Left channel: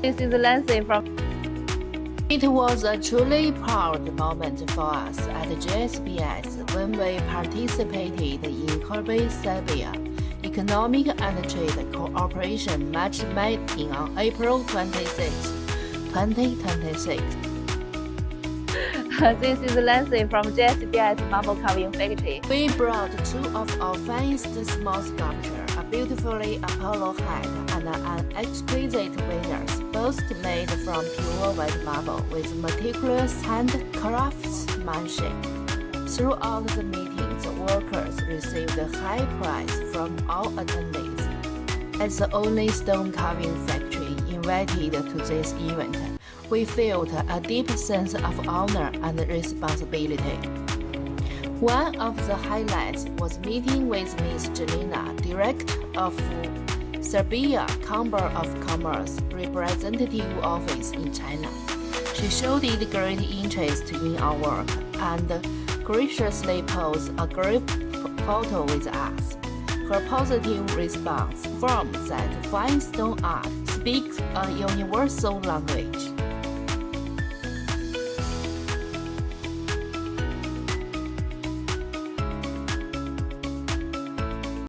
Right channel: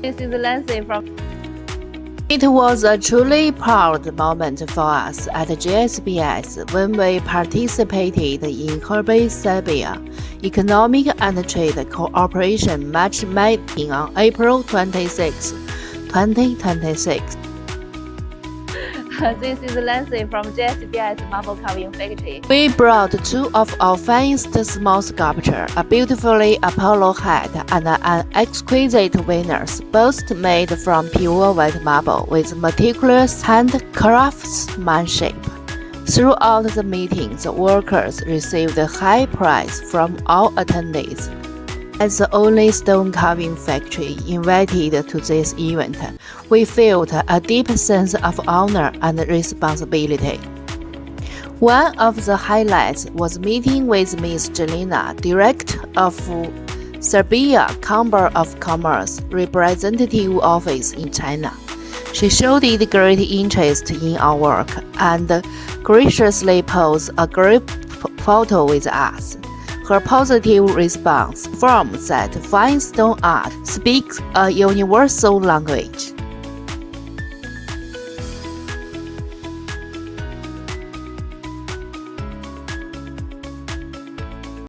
This is Nancy from. It was a truly proud moment for us at JSBS when we participated in Hebei, Serbia Economic and Trade Cooperation Matchmaking on April 26, 2026. This is Nancy from JSBS Marble Carving Factory. We brought two of our finest small sculptures, a beautifully Apollo head and an exquisite Venus, both made from pure white marble with meticulous hand craftsmanship. Throughout the meetings, workers received a high praise from all attendees. As the only stone carving factory invited to this event, we felt a deep sense of honor and responsibility. One of the highlights was meeting with Ms. Jelena, Director of Serbia Chamber of Commerce Representative Office in China. She showed great interest in our work and graciously posed a group photo with us. Her positive response affirms that fine stone art speaks a universal language.